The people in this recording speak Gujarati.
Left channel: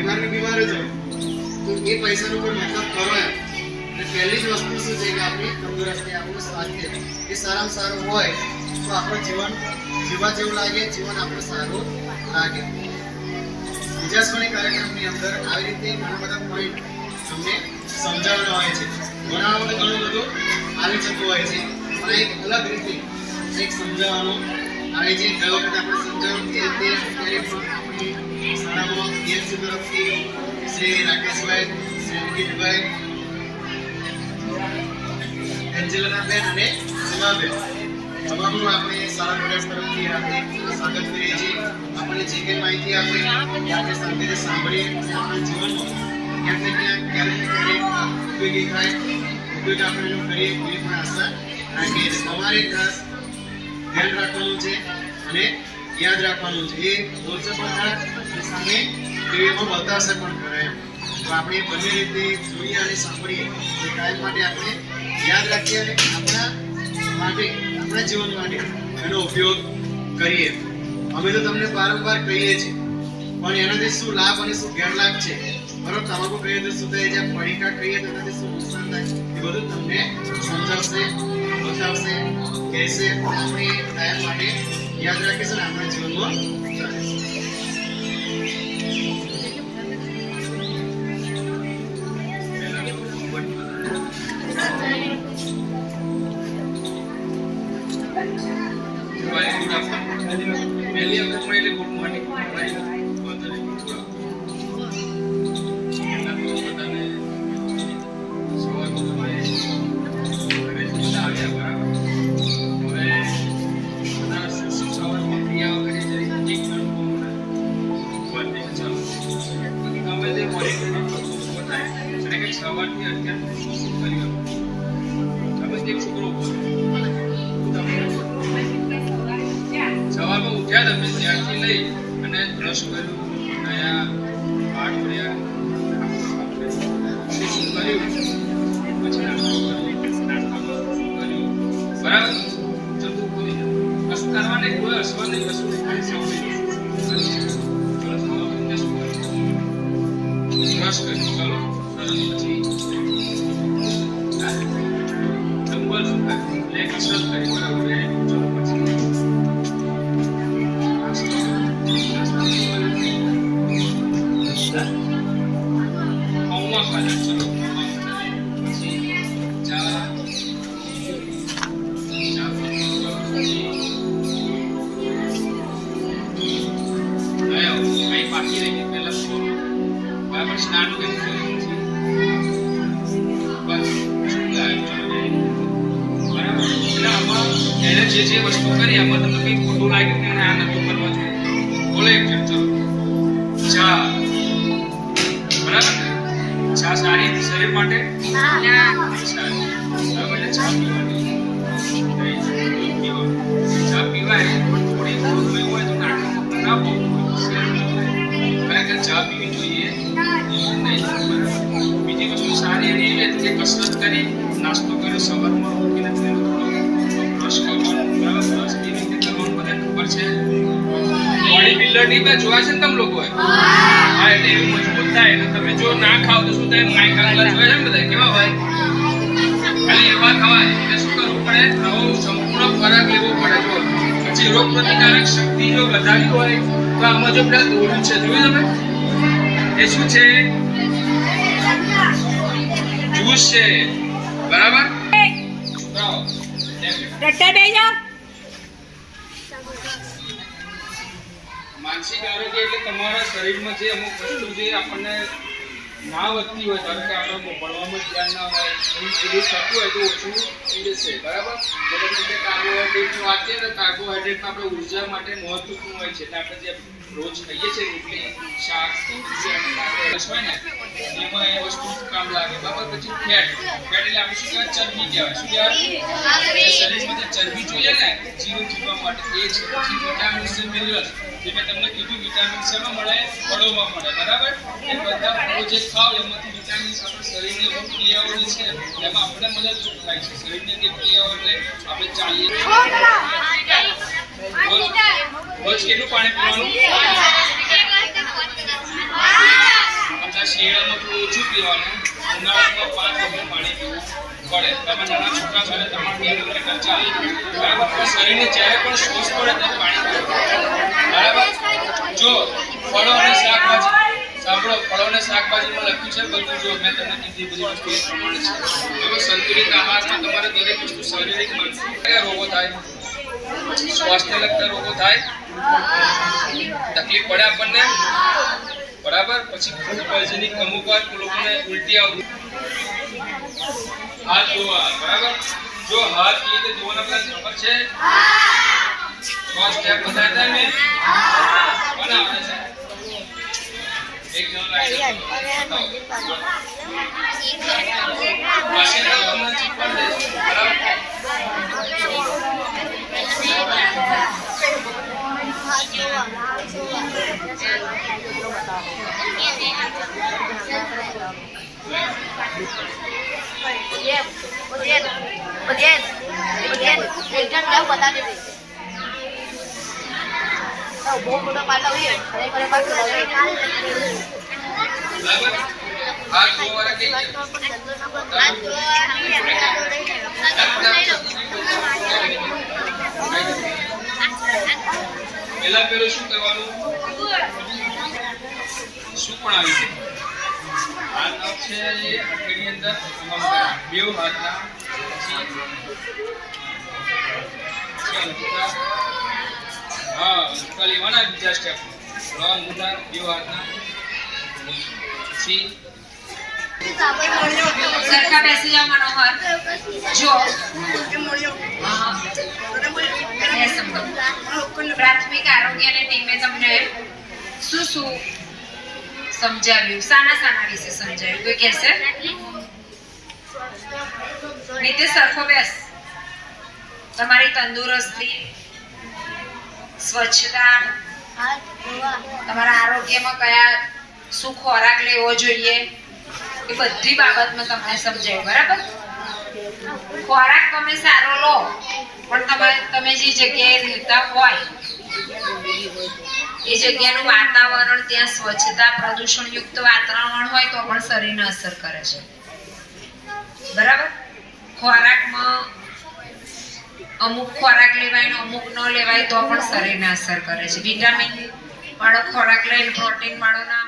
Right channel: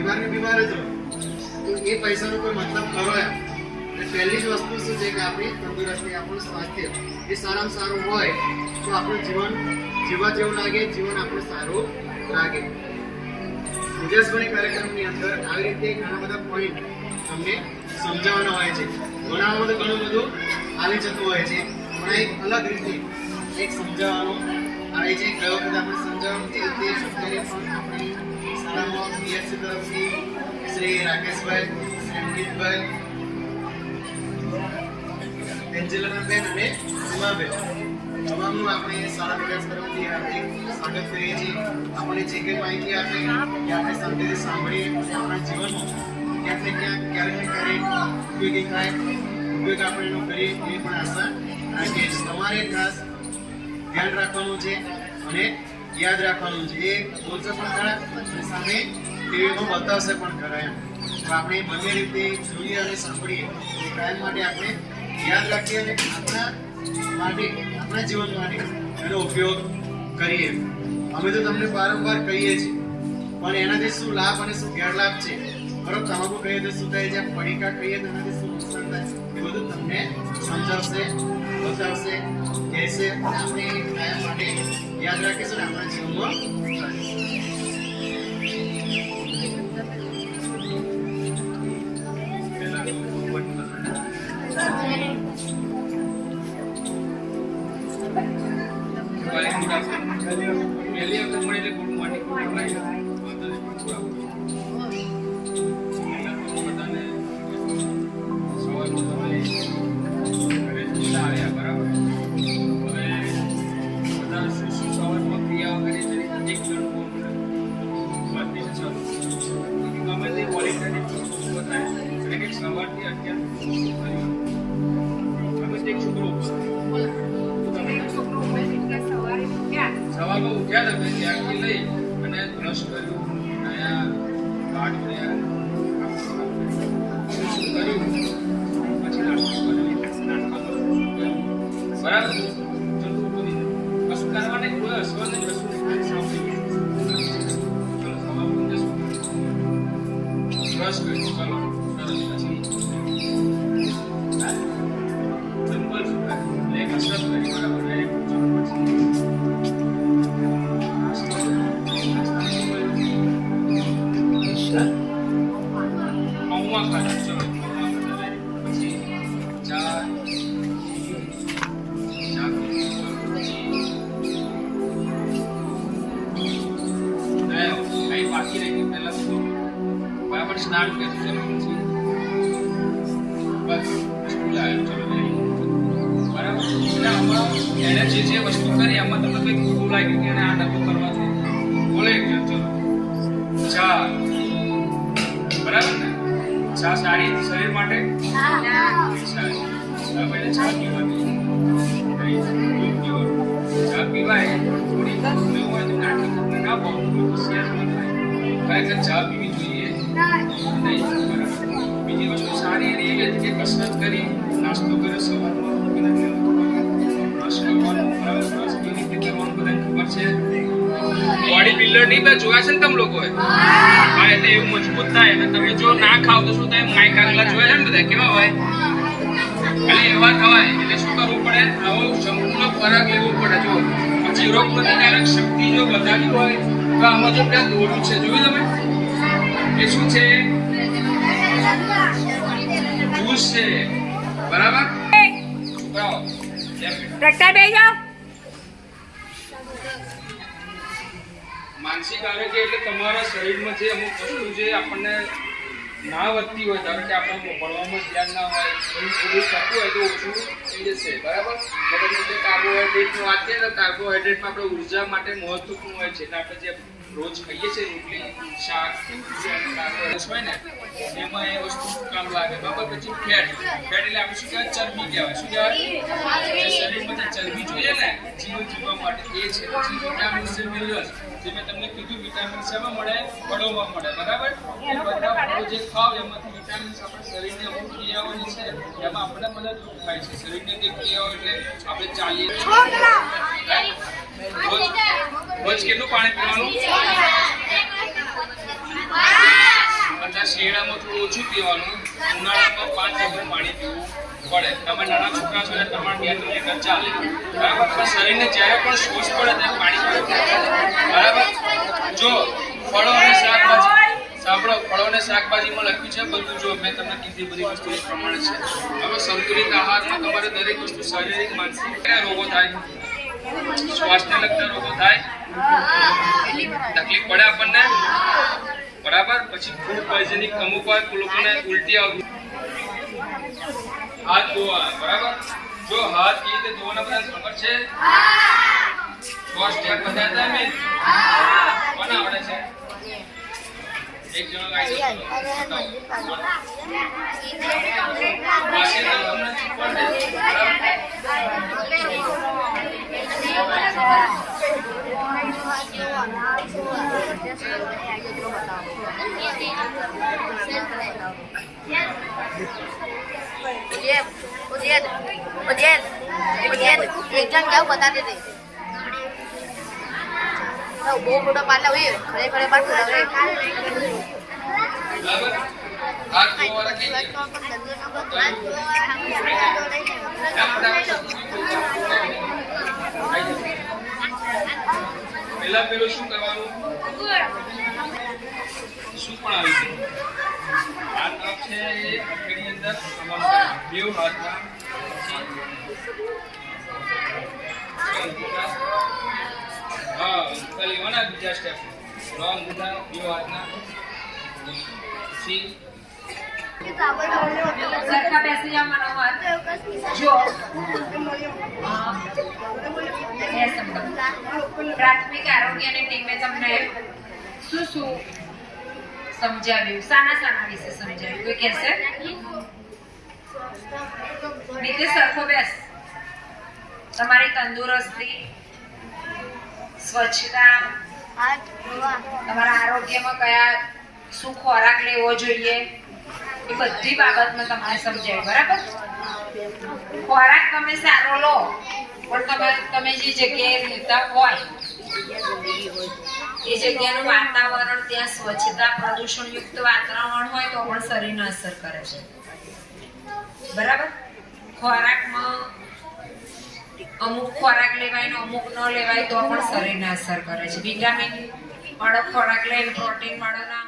બીમાર જ હોય તો એ પૈસાનો કોઈ મતલબ ખરો એમ. અને પહેલી જ વસ્તુ શું છે કે આપણી તંદુરસ્તી, આપણું સ્વાસ્થ્ય એ સારામાં સારું હોય તો આપણું જીવન જીવા જેવું લાગે, જીવન આપણું સારું લાગે. વિજયાસવાણી કાર્યક્રમની અંદર આવી રીતે ઘણા બધા પોઈન્ટ તમને સમજાવવાના હોય છે. ભણાવવામાં તો ઘણું બધું આવી જતું હોય છે, પણ એક અલગ રીતે એક સમજાવવાનું આવે છે. ગયો વખતે આપણે સમજાવ્યું એ રીતે અત્યારે પણ આપણી શાળામાં પીએચસી તરફથી શ્રી રાકેશભાઈ, શ્રી અંકિતભાઈ, એન્જેલાબેન અને સીમાબેન તમામનું આપણે શાળા પ્રયાસ તરફથી હાર્દિક સ્વાગત કરીએ છીએ. આપણને જે કંઈ માહિતી આપે એ આપણે શાંતિથી સાંભળીએ અને આપણા જીવનમાં ક્યાંક ને ક્યાંક ક્યારેક ને ક્યારેક ઉપયોગી થાય, ઉપયોગ આપણે એનો કરીએ એવી પણ આશા રાખીએ છીએ. તમારે ખાસ ધ્યાન રાખવાનું છે અને યાદ રાખવાનું છે. એ બોલશે પણ ખરા અને સામે ટીવીમાં બતાવશે પણ ખરા એમ. તો આપણે બંને રીતે જોઈએ અને સાંભળીએ એ કાયમ માટે આપણે યાદ રાખીએ અને આપણા માટે, આપણા જીવન માટે એનો ઉપયોગ કરીએ. અમે તો તમને વારંવાર કહીએ છીએ, પણ એનાથી શું લાભ અને શું ગેરલાભ છે, બરોબર? તમાકુ કહીએ તો શું થાય છે, પડીકા કહીએ તો એનાથી શું નુકસાન થાય, એ બધું તમને સમજાવશે, બતાવશે, કહેશે. આપણે કાયમ માટે યાદ રાખીશું ને આપણા જીવનમાં ઉતારીશું. સવારથી અત્યાર શું કર્યું? તમે એક છોકરો સવારમાં ઉઠ્યા તમે ત્યાંથી લઈ અને બ્રશ કર્યું, નયા વાળ ધોયા, શું કર્યું, પછી નાસ્તો કર્યો, નાસ્તામાં શું કર્યું, બરાબર? જતું પૂરી કશું કરવા નહીં, કોઈ હસવા નહીં, કશું નહીં, ખાલી સાંભળી બ્રશ કર્યું, ચલો પછી ડમ્બલ લે કસરત કરી, બરાબર? પૌવા ખાધા, ચલો પૌવા ખાધા, પછી ચા બાકી રહી પહેલા બરાબર સ્નાન કર્યું, બસ સ્કૂલ આવ્યો, ચલો બરાબર. એટલે આમાં એને જે વસ્તુ કરી આમાં તમને કંઈ ખોટું લાગ્યું કે આ નતું કરવા જોઈએ, બોલે એક ચલો ચા, બરાબર? ચા સારી શરીર માટે સારી, બરાબર? ચા પીવાની, ચા પીવાય થોડી હોય તો ના બહુ ચા પીવી જોઈએ નહીં. બીજી વસ્તુ સારી એવી હતી કે કસરત કરી, નાસ્તો કર્યો, સવારમાં ઉઠીને બ્રશ કરવાનું, બરાબર? બ્રશ કેવી રીતે કરવાનું બધાને ખબર છે. બોડી બિલ્ડર ની બે જોયા છે ને તમે લોકોએ? હા, એટલે એવું મજબૂત થાય. એટલે તમે જો ના ખાવ તો શું થાય? માઇક આગલા જોયા છે ને બધા કેવા હોય? ખાલી એવા થવાય. એટલે શું કરવું પડે? આવો સંપૂર્ણ ખોરાક લેવો પડે. જો પછી રોગ પ્રતિકારક શક્તિ જો વધારવી હોય તો આમાં જો બધા દોડ્યું છે, જોયું તમે? એ શું છે? જ્યુસ છે, બરાબર? માનસિક આરોગ્ય એટલે તમારા શરીરમાં જે અમુક વસ્તુ જે આપણને ના વધતી હોય, ધારો કે આપણે ભણવામાં ધ્યાન ના હોય, એવું થતું હોય તો ઓછું થઈ જશે, બરાબર? કાર્બોહાઈડ્રેટની વાત કરીએ તો કાર્બોહાઈડ્રેટમાં આપણે ઉર્જા માટે મહત્વપૂર્ણ હોય છે. એટલે આપણે જે રોજ ખાઈએ છીએ રોટલી, શાક, હોય ને એમાં એ વસ્તુ કામ લાગે, બરાબર? પછી ફેટ એટલે આપણે શું કહેવાય? ચરબી કહેવાય. શું કહેવાય? શરીરમાં જે ચરબી જોઈએ ને જીવન જીવવા માટે એ છે. પછી વિટામિન્સ છે, મિનરલ્સ, જે મેં તમને કીધું વિટામિન શેમાં મળે? ફળોમાં મળે, બરાબર? એ બધા ફળો જે ખાવ એમાંથી વિટામિન્સ આપણા શરીરને અમુક ક્રિયાઓ જે છે એમાં આપણે મદદરૂપ થાય છે. શરીરને જે ક્રિયાઓ એટલે આપણે ચાલીએ રોજ કેટલું પાણી પીવાનું? શિયાળામાં થોડું ઓછું પીવાનું, ઉનાળામાં 5 લીટર પાણી પીવું પડે. તમે નાના છોકરા છો એટલે તમારે 2 લીટર ચાલે, બરાબર? પણ શરીરને જ્યારે પણ શોષ પડે ત્યારે પાણી પીવું, બરાબર? જો ફળો અને શાકભાજી, સાંભળો, ફળો અને શાકભાજીમાં લખ્યું છે બધું, જો મેં તમને કીધી બધી વસ્તુ એ પ્રમાણે છે. હવે સંતુલિત આહારમાં તમારે દરેક વસ્તુ શારીરિક, માનસિક કયા રોગો થાય, શ્વાસને લગતા રોગો થાય, તકલીફ પડે આપણને, બરાબર? પછી ફૂડ પોઈઝનિંગ, અમુક વાર લોકોને ઉલટી આવતી, હાથ ધોવા, બરાબર? જો હાથ કેવી રીતે ધોવાના બધા ખબર છે? 6 સ્ટેપ બતાવતા ને કોને આવડે છે? એક જણ લાઈટ બહુ મોટો પાટલા હોય ખરેખર પાટલા હોય બરાબર? હાથ ધોવાના કઈ પેલું શું કરવાનું? શું પણ આવી છે? હાથ છે એ હથેળી અંદર આમ બે હાથના, હા લેવાના બીજા સ્ટેપ, અંગૂઠા બે હાથના, પછી સરખા બેસી જાઓ મનોહર. જો પ્રાથમિક આરોગ્યની ટીમે તમને શું શું સમજાવ્યું, શાના વિશે સમજાવ્યું, કોઈ કહેશે? નીતિશ સરખો બેસ. તમારી તંદુરસ્તી, સ્વચ્છતા, તમારા આરોગ્યમાં કયા શું ખોરાક લેવો જોઈએ એ બધી બાબતમાં તમને સમજાયું, બરાબર? ખોરાક તમે સારો લો, પણ તમે જે જગ્યાએ રહેતા હોય એ જગ્યાનું વાતાવરણ, ત્યાં સ્વચ્છતા, પ્રદૂષણયુક્ત વાતાવરણ હોય તો પણ શરીરને અસર કરે છે, બરાબર? ખોરાકમાં અમુક ખોરાક લેવાય ને અમુક ન લેવાય તો પણ શરીરને અસર કરે છે. વિટામિન વાળો ખોરાક લઈને પ્રોટીન વાળો ના